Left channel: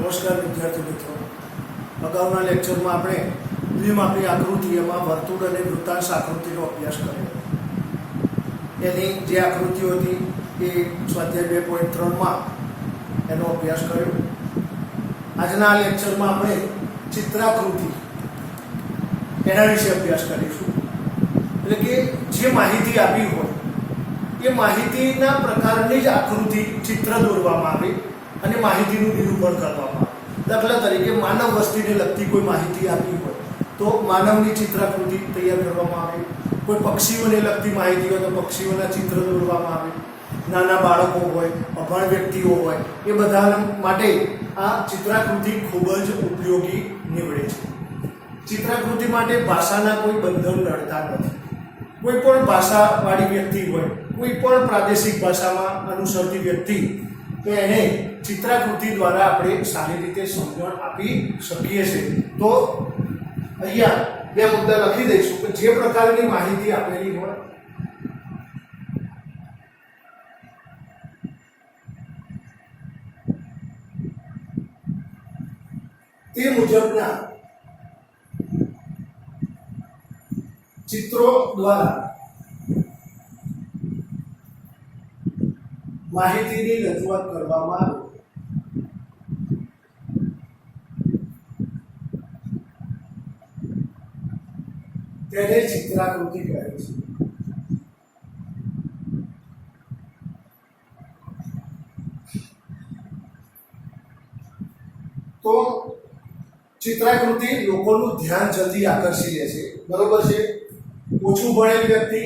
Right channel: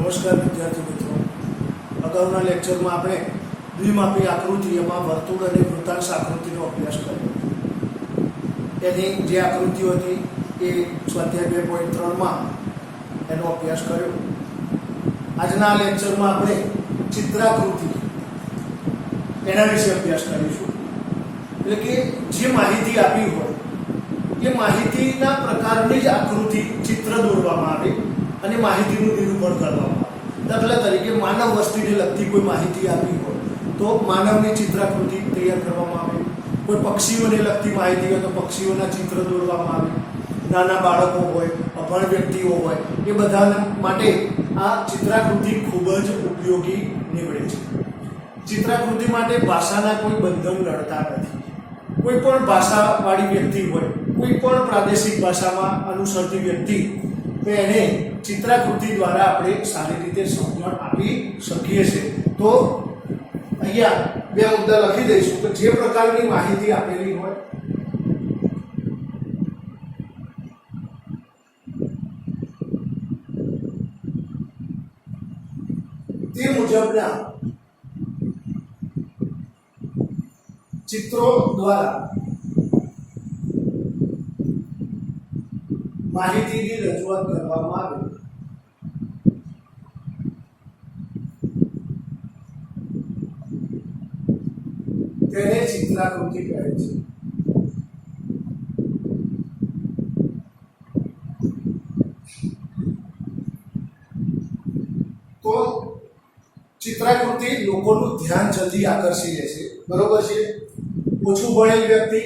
નમસ્કાર વિદ્યાર્થી મિત્રો, અગાઉના લેક્ચરમાં આપણે દ્વિમાપી આકૃતિ એમાં વર્તુળ અને વૃત્તાંશ આકૃતિનો અભ્યાસ કર્યો. એની જે આકૃતિઓ હતી એ સ્વાધ્યાય 2.3માં એનો અભ્યાસ કર્યો. આજના લેક્ચરમાં આપણે ચિત્રાકૃતિ એના વિશે અભ્યાસ કરીશું. એટલે કે જે માહિતી આપી હોય એ માહિતીના પ્રકારની જ આકૃતિ ચિત્ર દોરવામાં આવે અને માહિતીનું નિરૂપણ કરવામાં આવે. દાખલા તરીકે માનવ વસ્તીને લગતી કોઈ માહિતી આપી હોય તો માનવની ચિત્રાકૃતિ તૈયાર કરવામાં આવે. કોઈ પક્ષીઓને લગતી માહિતી હોય તો પક્ષીઓના ચિત્ર દોરવામાં આવે. નાના બાળકો હોય, અભણ વ્યક્તિઓ હોય, એ બધા માટે આ ચિત્રાકૃતિ ખૂબ જ ઉપયોગી નીવડે છે. ચિત્રાકૃતિ માટે ભાષાના કોઈ બંધન નડતા નથી. કોઈ પણ ભાષાવાળી વ્યક્તિ હોય, કોઈ પણ પ્રાદેશિક ભાષામાં અનુસરતી વ્યક્તિ એને ચિત્રાકૃતિ દ્વારા આપણે સારી રીતે સમજણ આપી શકીએ છીએ. તો અહીંયા બે મુદ્દા લખી દઈશું કે જે પ્રકારની માહિતી આપેલી હોય તે મુજબના ચિત્રો દ્વારા માહિતીની રજૂઆત કરવામાં આવે તેને ચિત્રાકૃતિ કહે છે. તો ચિત્રાકૃતિ લોકોનું ધ્યાન જલ્દી આકર્ષી લે છે, બરોબર છે. ઓછું ભણેલ વ્યક્તિ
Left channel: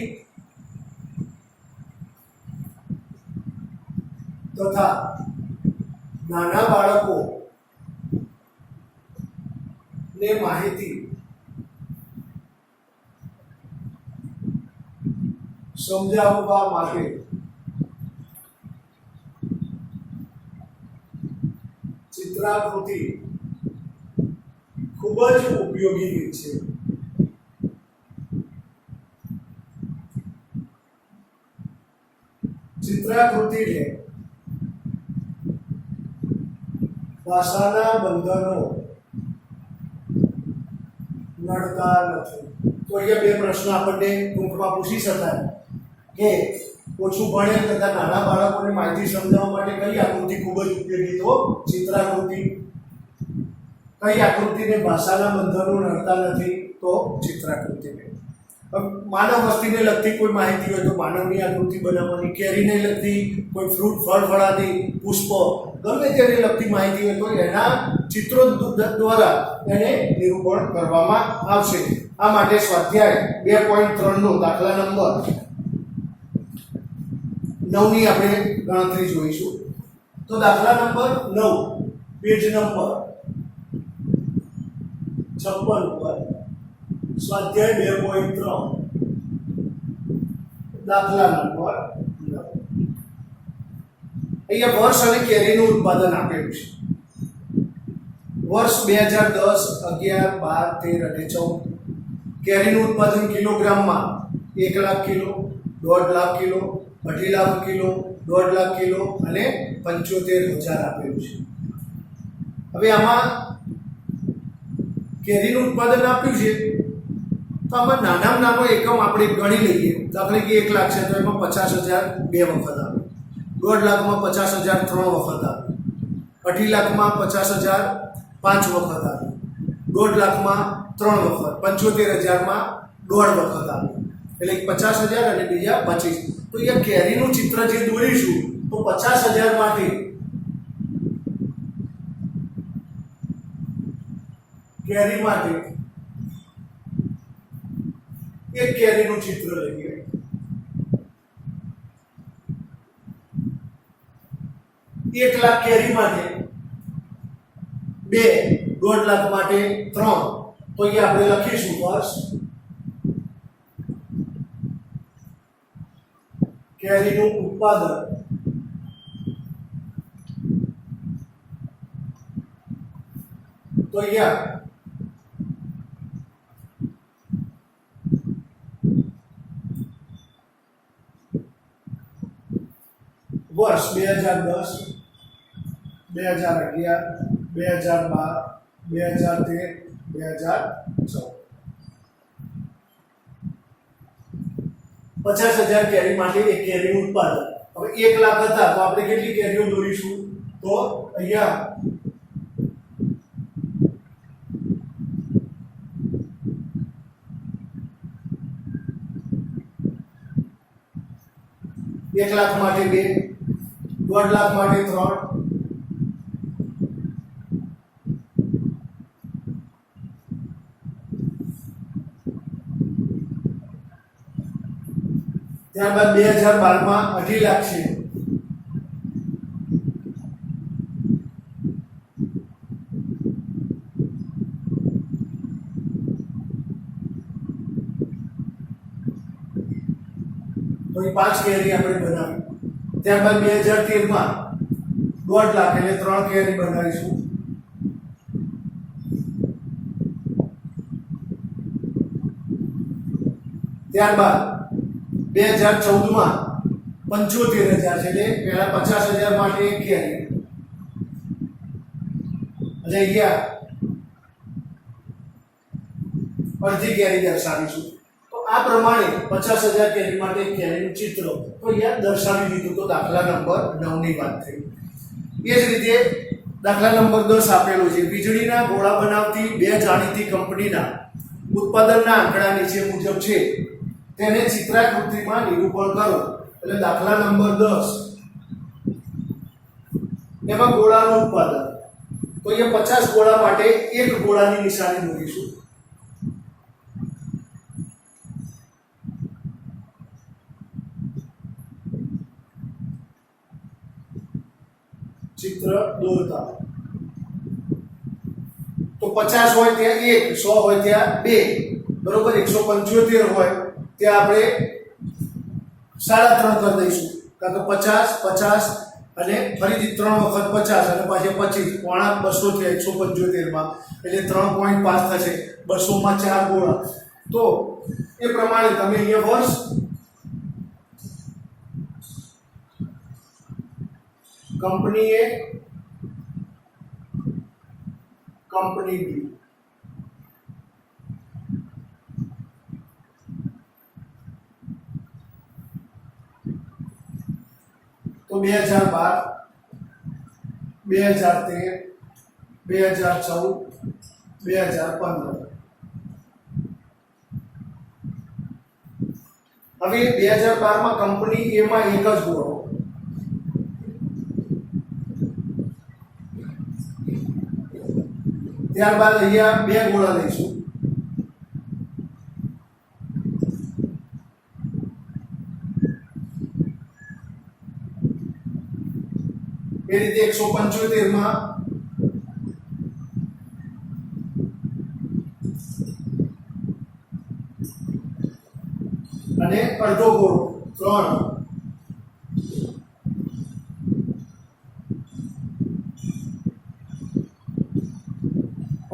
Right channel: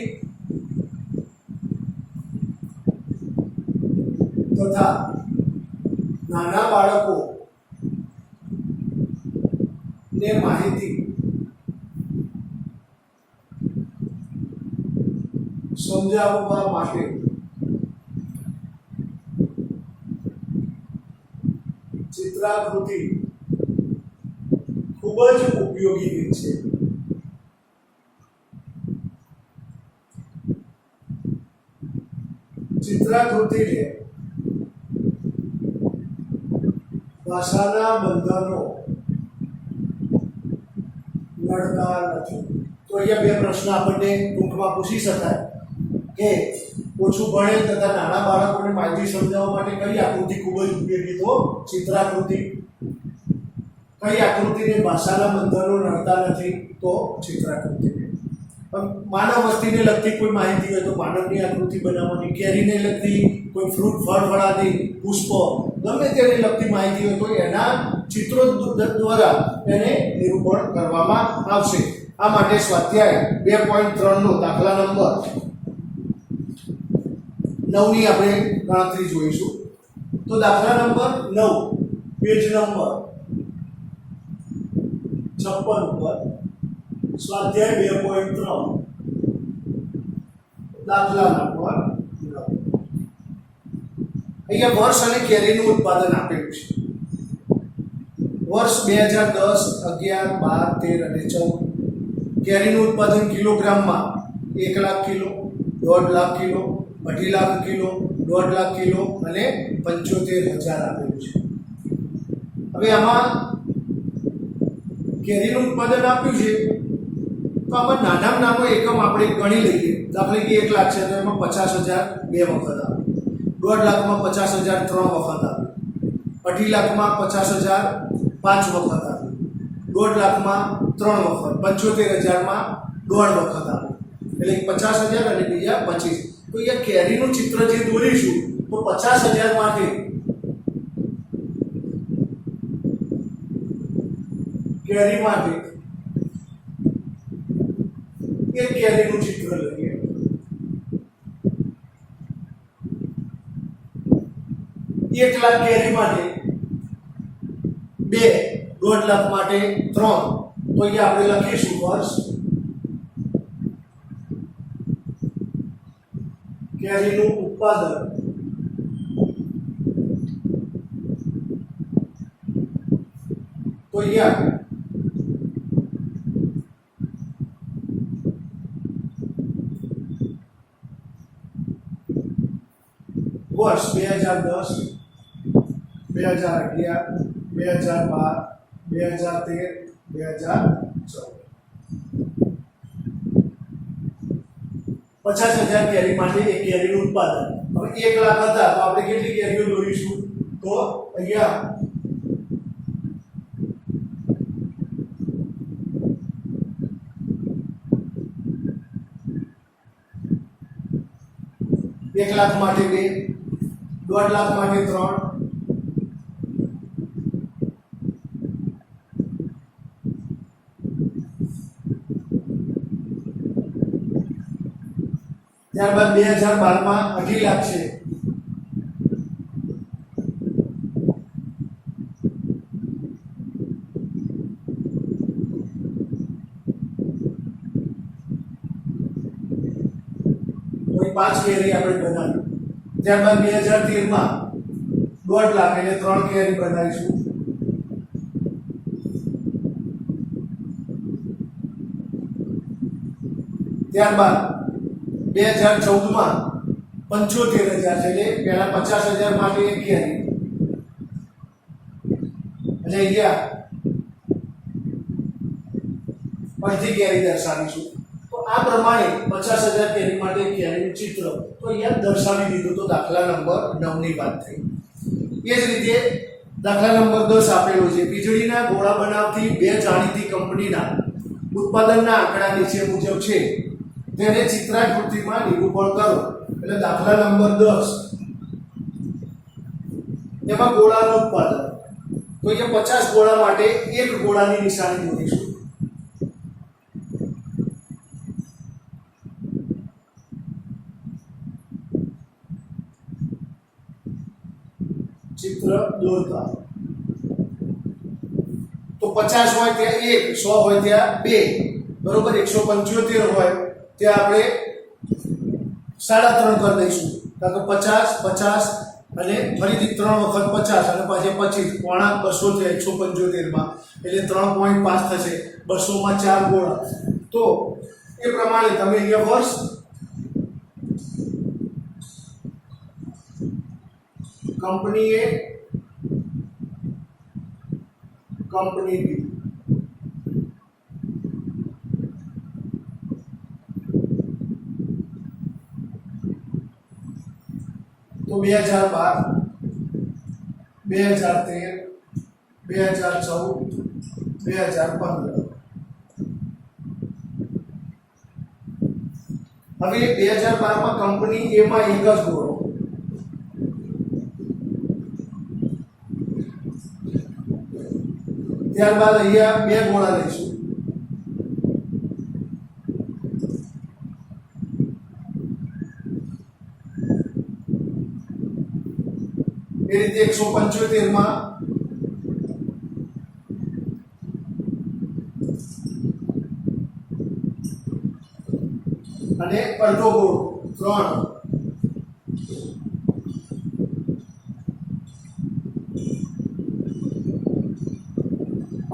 તથા નાના બાળકો ને માહિતી સમજાવવા માટે ચિત્રાકૃતિ ખૂબ જ ઉપયોગી છે. ચિત્રાકૃતિને ભાષાના બંધનો નડતા નથી. તો અહીંયા બે પ્રશ્ન આપણને ટૂંકમાં પૂછી શકાય કે ઓછું ભણેલ તથા નાના બાળકોને માહિતી સમજાવવા માટે કઈ આકૃતિ ખૂબ જ ઉપયોગી? તો ચિત્રાકૃતિ. કઈ આકૃતિને ભાષાના બંધનો નડતા નથી? તો ચિત્રાકૃતિને. માનવ વસ્તીને લગતી કોઈ માહિતી હોય તો માનવની આકૃતિ બનાવવાની. કેરીને લગતી કોઈ ફ્રૂટ, ફળ, ફળાદી, પુષ્પ, ગમે તેને લગતી માહિતી હોય તો એના ચિત્રો દ્વારા એને નિરૂપણ કરવામાં આવશે. આ માટે સ્વાધ્યાય 2.3 નો દાખલા નંબર 9 ની આપણે ગણતરી જોઈશું. તો દાખલા નંબર 9 પેજ નંબર 56 ઉપર સ્વાધ્યાય 2.3 દાખલા નંબર 9. અહીંયા વર્ષ અને કેરીનું ઉત્પાદન આપેલું છે. વર્ષ 2010, 11, 12, 13 અને 14. કેરીનું ઉત્પાદન કિલોગ્રામમાં 1 lakh kilo, 1.5 lakh kilo, 2.5 lakh kilo, 1.5 lakh kilo અને 75,000 આપેલું છે. હવે આમાં કેરીનું ઉત્પાદન આપ્યું છે તો આમાં નાનામાં નાનો એકમ આપણે ગણી લઈએ. દાખલા કે 1 લાખ છે તો એમાં 50,000 બે વખત આવે, 1.5 લાખમાં 50,000 3 વખત આવે, 2.5 લાખમાં 50,000 5 વખત આવે, 1.5 લાખમાં 3 વખત, 75,000માં 1.5 વખત આવે. એટલે 50,000 અને બીજા 25. તો અહીંયા કેરીનું ચિત્ર જે દોરીશું તો 50,000 માટે કેરી માટે એક કેરીનું ચિત્ર લઈએ. એક લાખ કેરી માટે 2, 1.5 લાખ માટે 3. તો અહીંયા આપણે લખીશું વર્ષ કેરીનું ઉત્પાદન તો અહીંયા વર્ષ 2010, 2011, 2012, 2013, 2014. 50,000 કેરી માટે એક કેરીનું ઉત્પાદન. હવે 1 લાખ હતા તો આપણે કેટલી કેરીઓ દોરીશું? તો અહીંયા 1 લાખ માટે 2, 1.5 લાખ માટે 3, ત્યારબાદ 2012 માં 2.5 લાખ છે. તો 5 કેરી આપણે બનાવી. ત્યારબાદ 2013 માં 1.5 લાખ એટલે 3 કેરી બનાવીશું. ત્યારબાદ 2014 માં 75,000 છે એટલે પહેલા 50,000 માટે એક કેરી અને અહીંયા અડધી કેરી દર્શાવીશું. તો આ પ્રમાણે 50,000 કેરી માટે એક કેરીનું ચિત્ર તો અહીંયા દર્શાવી દીધું. તો દાખલા નંબર 9 ની વાત થઈ. એ જ રીતે દાખલા નંબર 10 આપેલો છે. વીજળીના ગોળા બનાવતી 2 જાણીતી કંપનીના ઉત્પાદનના આંકડા નીચે મુજબ છે, તેને ચિત્રાકૃતિમાં નિરૂપણ કરો. એટલે દાખલા નંબર 10 એમાં ગોળાનું ઉત્પાદન. તો એ 50 ગોળા માટે એક ગોળાની નિશાની દોરીશું. ચિત્ર દોરતા તો 50 હોય ત્યાં 1, 100 હોય ત્યાં 2, બરોબર. 175 હોય ત્યાં આપણે 3.5 કરી દઈશું. કારણ કે 50, 50 અને ફરીથી 3 વખત 50 અને પાછા 25, પોણા 200 થયા 175 માં એટલે 3.5 થશે. 200 માં 4 ગોળા. તો એ પ્રમાણે તમે અહીંયા વર્ષ કંપની A, કંપની B. તો 2012, 2013, 2014, 2015. હવે 2012 માં કંપની A માં એક જ ગોળો, ત્યારબાદ અહીંયા 2 ગોળા લઈશું. એ રીતે 175 માં અને અડધો ગોળો 3,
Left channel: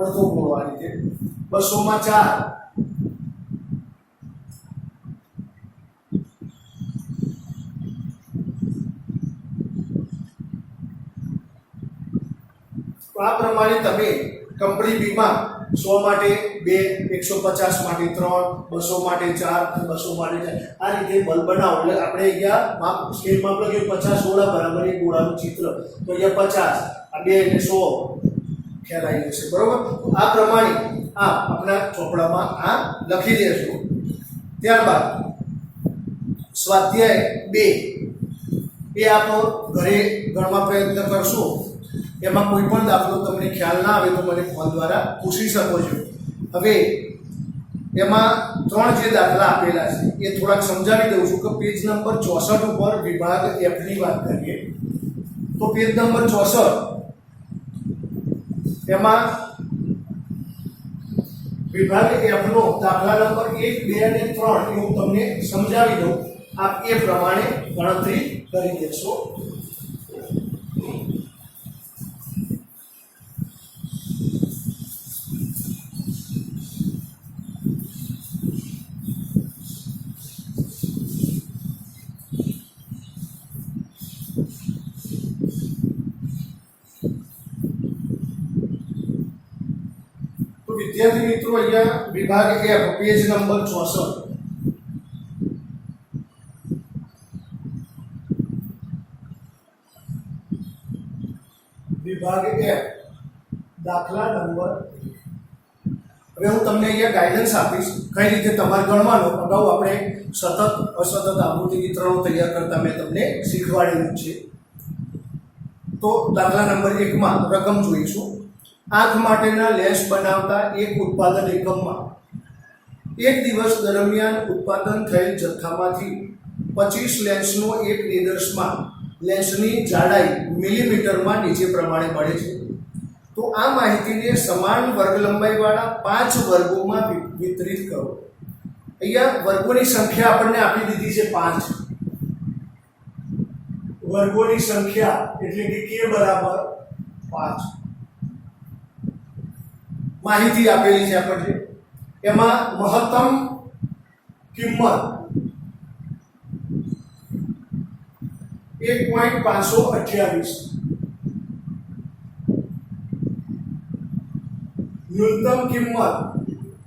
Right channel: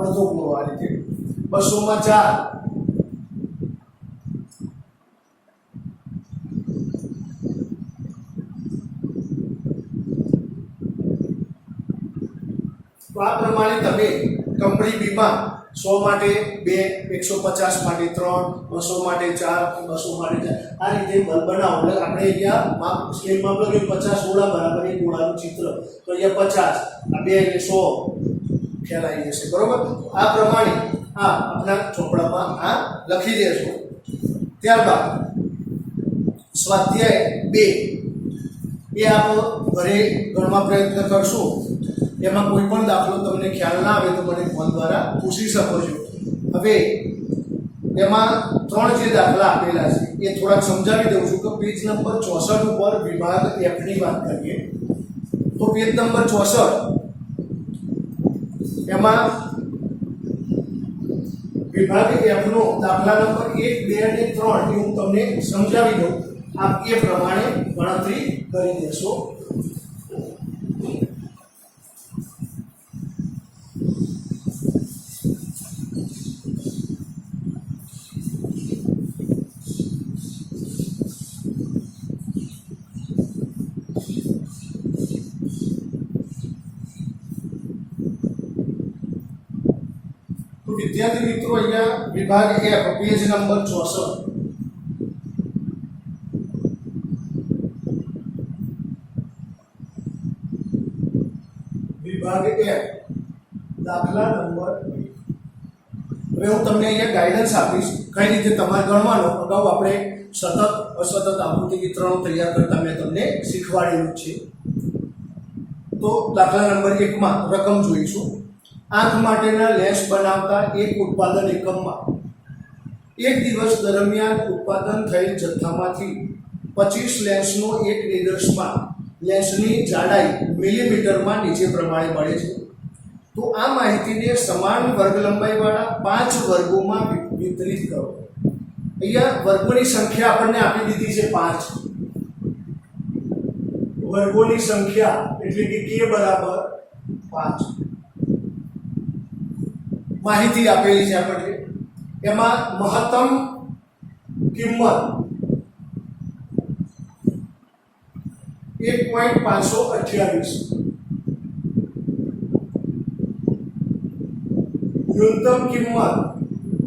અડધો ગોળો આ રીતે 200 માં 4, તો આ પ્રમાણે તમે કંપની B માં 100 માટે 2, 150 માટે 3, 200 માટે 4, 200 માટે 4 આ રીતે બલ્બ બનાવો. એટલે આપણે અહીંયા માપ સ્કેલમાં લખ્યું 50 ગોળા બરાબર એક ગોળાનું ચિત્ર. તો અહીંયા 50, આ 2 એટલે 100 ખેલાઈ જશે, બરોબર. આ પ્રમાણે આ આપણા ચોપડામાં આ લખી દેશો. ત્યારબાદ સ્વાધ્યાય 2 એ આપણો ઘરે ગણવા પ્રયત્ન કરશો. એમાં કોઈ પણ દાખલો તમને ખ્યાલ ના આવે તો મને ફોન દ્વારા પૂછી શકો છો. હવે એમાં 3 જે દાખલા આપેલા છે એ થોડાક સમજાવી દઉં છું. કે પેજ નંબર 64 ઉપર વિભાગ F ની વાત કરીએ તો પેજ નંબર 64 એમાં વિભાગ F નો દાખલા નંબર 1, 2 અને 3 એ હું તમને સમજાવી દઉં. આપ એ પ્રમાણે ગણતરી કરી દેશો. વિદ્યાર્થી મિત્રો અહીંયા વિભાગ F પેજ નંબર 64 વિભાગ F દાખલા નંબર 2. હવે હું તમને અહીંયા ગાઈડન્સ આપીશ કઈ રીતે તમારે ગણવાનો. અગાઉ આપણે સતત અસતત આકૃતિ વિતરણો તૈયાર કરતા મેં તમને શીખવાડેલું છે. તો દાખલા નંબર 1 માં રકમ જોઈશું. આંખ માટેના લેન્સ બનાવતા એક ઉત્પાદન એકમમાં એક દિવસ દરમિયાન ઉત્પાદન થયેલ જથ્થામાંથી 25 લેન્સનો એક નિદર્શમાં લેન્સની જાડાઈ મિલીમીટરમાં નીચે પ્રમાણે મળે છે. તો આ માહિતીને સમાન વર્ગ લંબાઈવાળા 5 વર્ગોમાં વિતરિત કરો. અહીંયા વર્ગોની સંખ્યા આપણને આપી દીધી છે 5. વર્ગોની સંખ્યા એટલે કે k બરાબર 5 માહિતી આપેલી છે આપણને. એમાં મહત્તમ કિંમત 1.528, ન્યૂનતમ કિંમત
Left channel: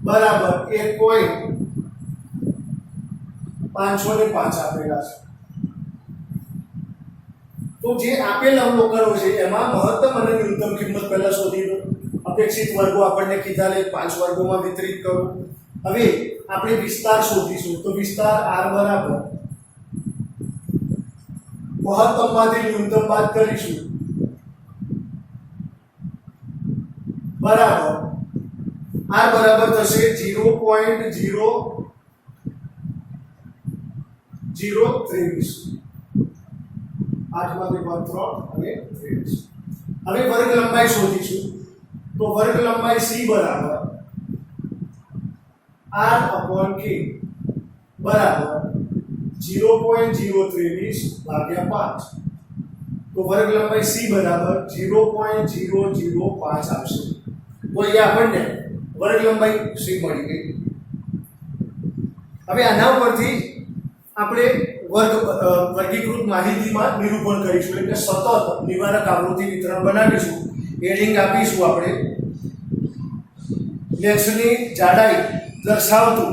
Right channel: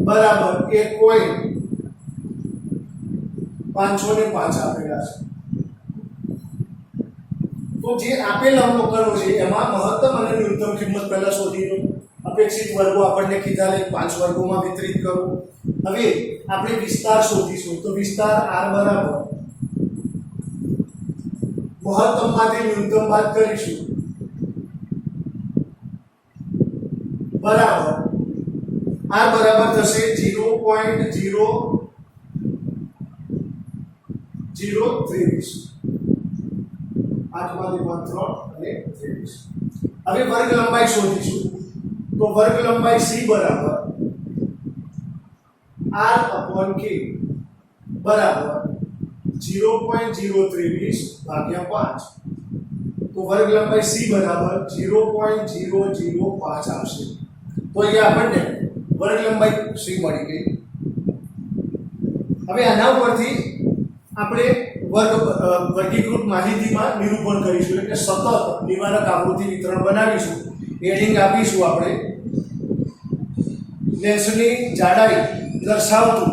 બરાબર 1.505 આપેલા છે. તો જે આપેલ અવલોકનો છે એમાં મહત્તમ અને ન્યૂનતમ કિંમત પહેલા શોધી લો. અપેક્ષિત વર્ગો આપણને કીધા લે 5 વર્ગોમાં વિતરિત કરો. હવે આપણે વિસ્તાર શોધીશું. તો વિસ્તાર r બરાબર મહત્તમમાંથી ન્યૂનતમ બાદ કરીશું બરાબર r બરાબર થશે 0.0023. 8 માંથી 3 અને 23. હવે વર્ગ લંબાઈ શોધીશું. તો વર્ગ લંબાઈ c બરાબર r/k બરાબર 0.023 ભાગ્યા 5. તો વર્ગ લંબાઈ c બરાબર 0.005 આવશે. તો અહીંયા આપણને વર્ગ લંબાઈ c મળી ગઈ. હવે આના ઉપરથી આપણે વર્ગીકૃત માહિતીમાં નિરૂપણ કરીશું. એટલે સતત નિવારક આવૃત્તિ વિતરણ બનાવીશું. હેડિંગ આપીશું આપણે લેન્સની જાડાઈ દર્શાવતું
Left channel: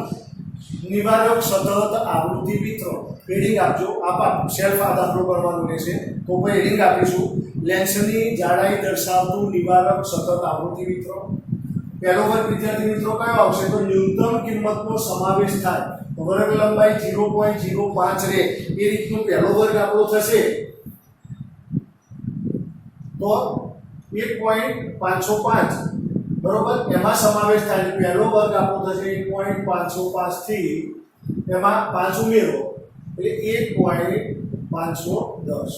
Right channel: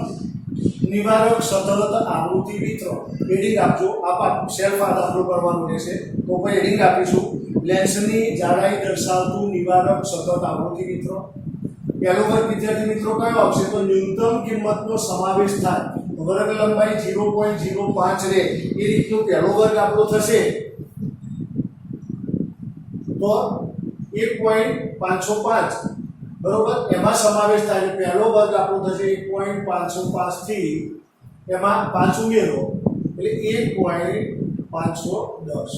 નિવારક સતત આવૃત્તિ વિતરણ. હેડિંગ આપજો. આ સેલ્ફ આ દાખલો કરવાનું રહેશે. તો પછી હેડિંગ આપીશું લેન્સની જાડાઈ દર્શાવતું નિવારક સતત આવૃત્તિ વિતરણ. પહેલો વર્ગ વિદ્યાર્થી મિત્રો કયો આવશે? તો ન્યૂનતમ કિંમતનો સમાવેશ થાય. વર્ગ લંબાઈ 0.05 રહે એ રીતનો પહેલો વર્ગ આપણો થશે. તો 1.505 બરોબર એમાં સમાવેશ થાય. પહેલો વર્ગ આપણો થશે 1.505 થી એમાં 5 ઉમેરો એટલે 1.510.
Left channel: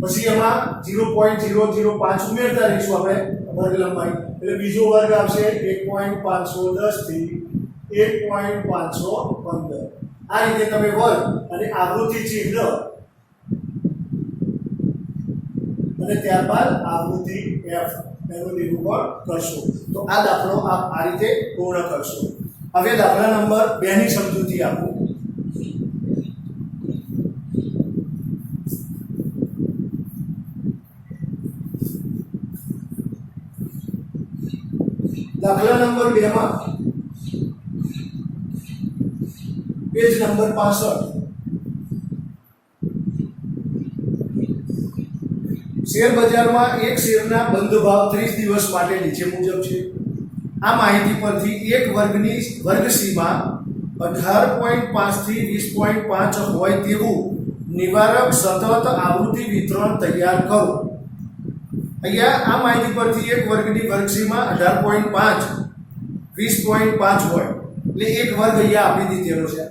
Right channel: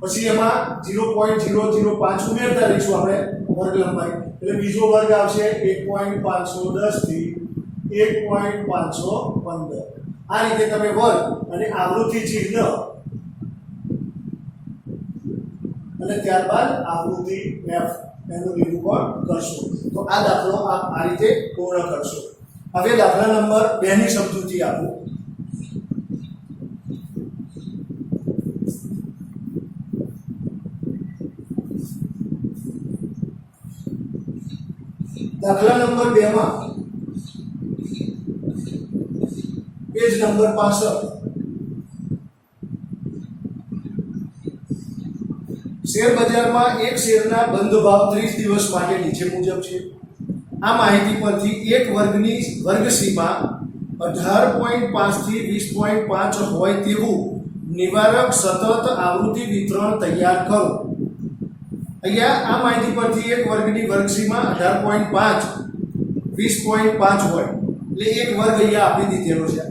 પછી એમાં 0.005 ઉમેરતા રહીશું આપણે વર્ગ લંબાઈ. એટલે બીજો વર્ગ આવશે 1.510 થી 1.515. આ રીતે તમે વર્ગ અને આવૃત્તિ ચિહ્ન અને ત્યારબાદ આવૃત્તિ f એનું નિરૂપણ કરશો. તો આ દાખલો આપ આ રીતે પૂર્ણ કરશો. હવે દાખલા નંબર 2 ની સમજૂતી આપું. દાખલા નંબર 2 માં પેજ નંબર 65 શેર બજારમાં એક શેરના બંધ ભાવ 30 દિવસ માટે નીચે મુજબ છે. આ માહિતી પરથી એક વર્ગ સીમા 18.5 થી 20.5 હોય તેવું નિવારક સતત આવૃત્તિ વિતરણ તૈયાર કરો. અહીંયા આ માહિતી પરથી એક વર્ગની વર્ગ સીમા 18.5 20.5 હોય એટલે એક વર્ગ અહીંયા આપી દીધેલો છે.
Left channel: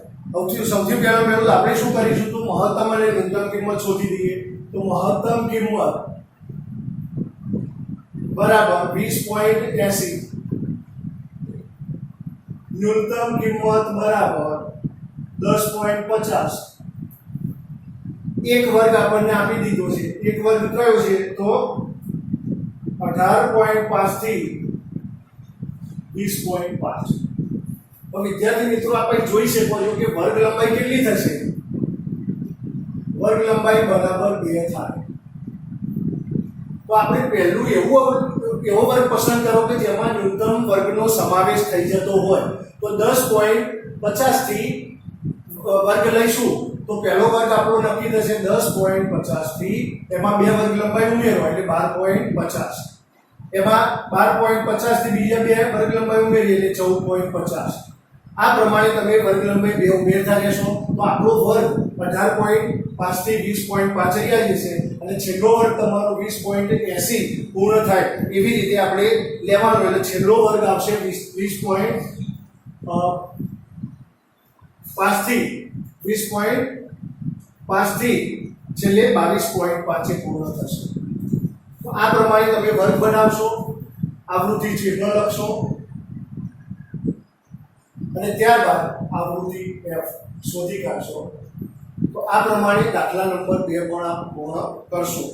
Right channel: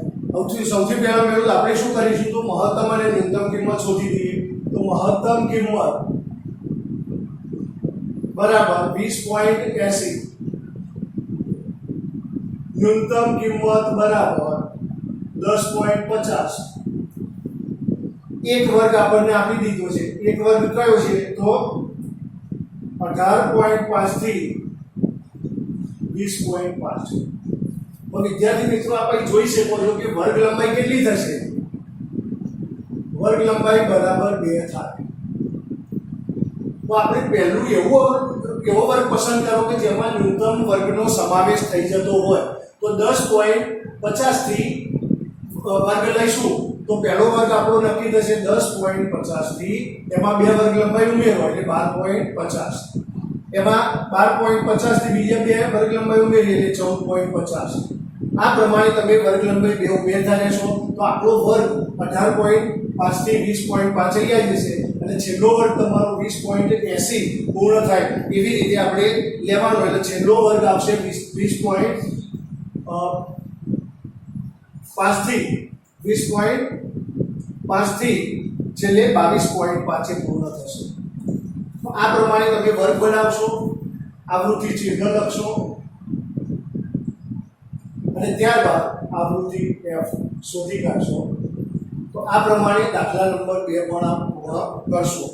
સૌથી પહેલું આપણે શું કરીશું? તો મહત્તમ અને ન્યૂનતમ કિંમત શોધી દઈએ. તો મહત્તમ કિંમત બરાબર 20.80, ન્યૂનતમ કિંમત બરાબર 10.50. એક વર્ગ આપણને આપી દીધો છે. એક વર્ગ કયો છે? તો 18.5 થી 20.5. તો વિદ્યાર્થી મિત્રો આપણે જોઈ શકો છો કે વર્ગ લંબાઈ કેટલી થશે? વર્ગ લંબાઈ બરાબર 2 થાય. તો આપણે પહેલું એવું એવો વર્ગ પસંદ કરો કે જેમાં ન્યૂનતમ વર્ગનો સમાવેશ થઈ જતો હોય તો 10.50 થી વર્ગ લઈશું તો પહેલો વર્ગ આપણો નક્કી થશે 10.50 થી, એમાં બે વર્ગ લંબાઈ ઉમેરો એટલે 12.50, એમાં 12.50 થી બીજા બે વર્ગ લંબાઈ ઉમેરીએ એટલે 14.50. આ પ્રમાણે તમે વર્ગ લંબાઈ બે ઉમેરતા રહેશો તો આપણો વર્ગ 18.5 થી 20.5 આવી જશે અને છેલ્લો વર્ગ તમારો 20.80 પૂર્ણ થાય એવી રીતે આપણે લેવાનો, એટલે છેલ્લો વર્ગ આવશે 20.5 થી 20.5 થી છેલ્લે 22.5 પૂર્ણ થશે. તો આ પ્રમાણે તમે વર્ગ બનાવશો, આવૃત્તિ ચિહ્ન લખશો અને ત્યારબાદ આવૃત્તિ f શોધી કાઢશો. તો આ પ્રમાણે દાખલા નંબર 2 પણ આપ પૂર્ણ કરશો.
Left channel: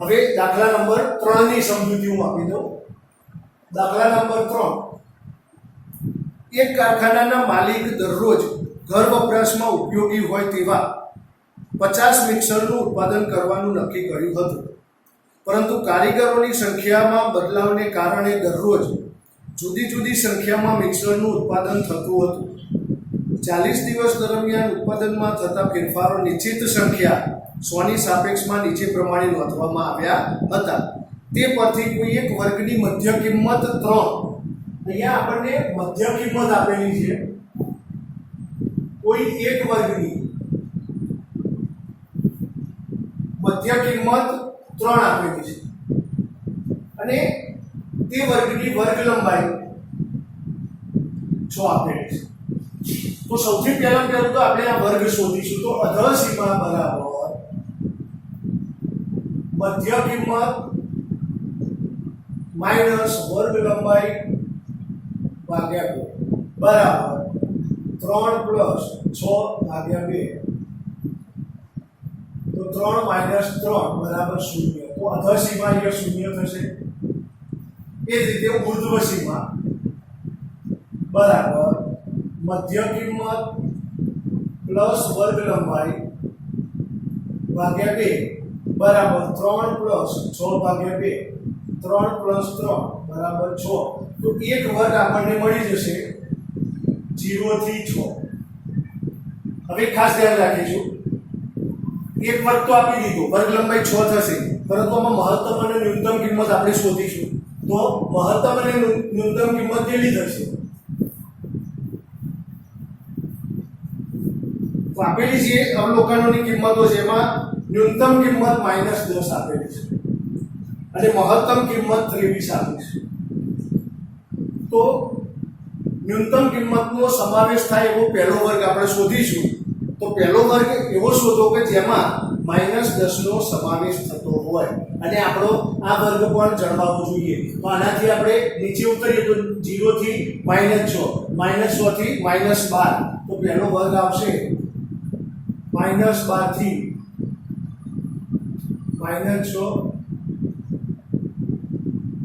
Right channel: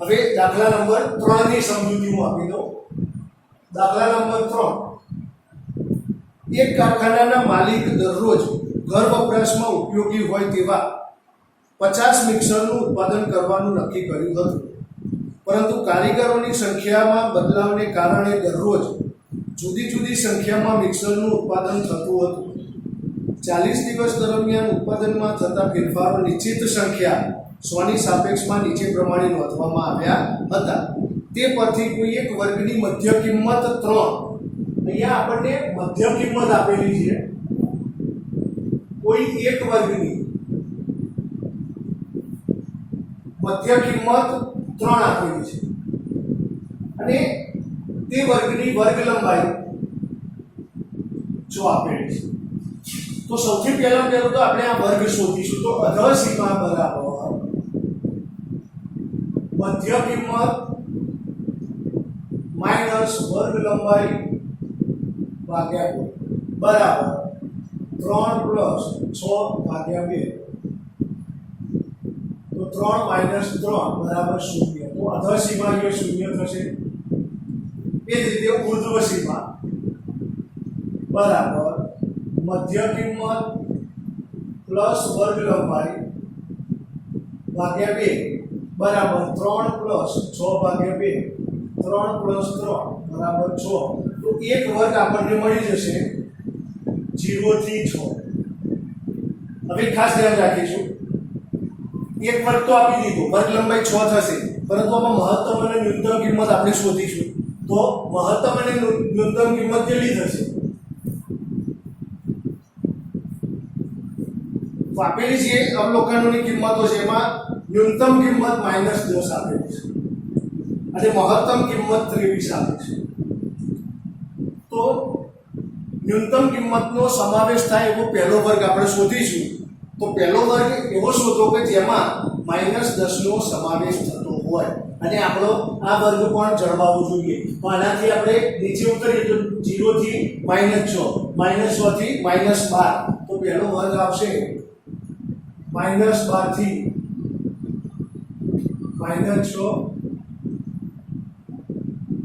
હવે દાખલા નંબર 3 ની સમજૂતી હું આપી દઉં. દાખલા નંબર 3, એક કારખાનાના માલિક દરરોજ ઘર વપરાશમાં ઉપયોગી હોય તેવા 50 મિક્સરનું ઉત્પાદન કરવાનું નક્કી કર્યું હતું, પરંતુ કારીગરોની સંખ્યામાં બદલાવને કારણે દરરોજ જુદી જુદી સંખ્યામાં મિક્સરનું ઉત્પાદન થતું હતું. 40 દિવસ દરમિયાન ઉત્પાદનમાં થતા ફેરફારો નિશ્ચિત સંખ્યા 100 ની સાપેક્ષમાં નીચે પ્રમાણે નોંધવામાં આવ્યા હતા. તે પરથી કોઈ એક વર્ગની મધ્ય કિંમત 3, અહીંયા આપણને મધ્ય કિંમત આપેલી છે, કોઈ એક વર્ગની મધ્ય કિંમત 3 આપેલી છે અને તે વર્ગની વર્ગ લંબાઈ 6 આપેલી છે. તો સૌથી પહેલું તો આપણે આ વર્ગ શોધીશું. તો અધર સીમા બરાબર મધ્ય કિંમત માઈનસ વર્ગ લંબાઈ ભાગ્યા 2 બરાબર 3 પ્લસ 6 ભાગ્યા 2. તો 3 માઈનસ 3 બરાબર 0. તો અધર સીમા અહીંયા 0 થશે. એ જ રીતે ઉર્ધ્વ સીમા બરાબર મધ્ય કિંમત પ્લસ વર્ગ લંબાઈ ભાગ્યા 2 બરાબર 3 પ્લસ 6 ભાગ્યા 2. 3 પ્લસ 3 બરાબર 6. તો એક વર્ગ આપણને મળી જશે 0 થી 6. હવે ખાસ ધ્યાન રાખીશું, એક વર્ગ તો આપી દીધો, વર્ગ લંબાઈ 6 થશે, પરંતુ આમાં મહત્તમ અને ન્યૂનતમ કિંમત આપણે શોધીશું. તો મહત્તમ અને ન્યૂનતમ કિંમત કેટલી થશે? તો આપેલી છે અવલોકનોની કિંમતો છે, એમાં ન્યૂનતમ કિંમત -10 આપેલી છે અને મહત્તમ કિંમત 23 આપેલી છે. તો ન્યૂનતમ કિંમતનો સમાવેશ થાય એવો પહેલો વર્ગ આપણે શોધીશું. તો પહેલો વર્ગ એવો શોધો કે જેમાં -10 નો સમાવેશ થતો હોય અને આપણો આ વર્ગ પણ જળવાવો જોઈએ. તો આનાથી આપણે નીચે ઉતરીએ તો 0 થી -6, -6 થી -12. તો પહેલો વર્ગ આવશે -12 થી -6,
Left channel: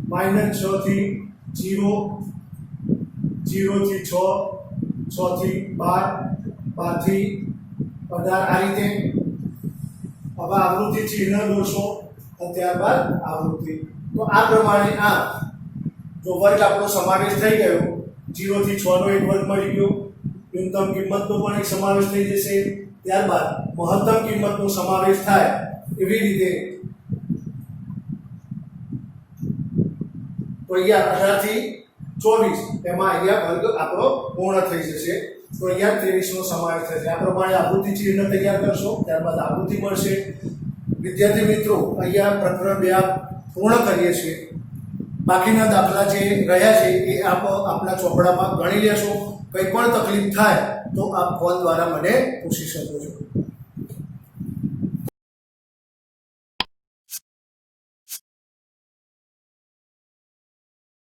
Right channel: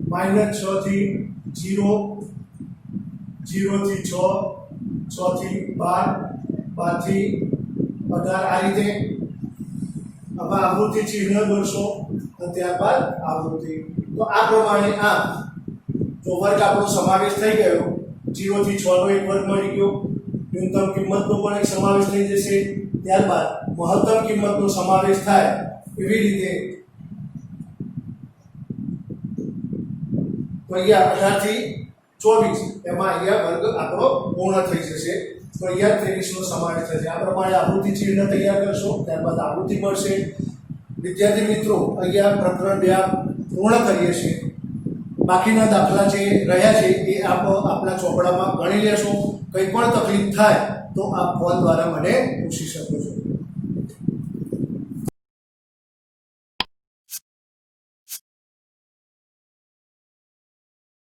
-6 થી 0, 0 થી 6, 6 થી 12, 12 થી 18. આ રીતે હવે આવૃત્તિ ચિહ્ન દોરશો અને ત્યારબાદ આવૃત્તિ. તો આ પ્રમાણે આ જો વર્ગ આપણો સમાવેશ થઈ ગયો, 0 થી 6 નો એક વર્ગ મળી ગયો, ન્યૂનતમ કિંમતનો પણ એક સમાવેશ થઈ જશે, ત્યારબાદ મહત્તમ કિંમતનો સમાવેશ થાય એવી રીતે. તો અહીંયા 18 થી 24 એમાં અહીંયા વર્ગ આપણો પૂર્ણ થઈ જશે. તો અહીંયા 23 નો સમાવેશ થશે. આ પ્રમાણે આવૃત્તિ ચિહ્ન તૈયાર કરશો, ત્યારબાદ આવૃત્તિ મળશે. વિદ્યાર્થી મિત્રો, અહીંયા પ્રકરણ 2 પૂર્ણ કરીએ છીએ. બાકીના દાખલા જે રહ્યા છે એ આપ આપના ચોપડામાં ગણી લેશો. કંઈ પણ તકલીફ થાય તો આપ ફોન દ્વારા મને પૂછી શકો છો.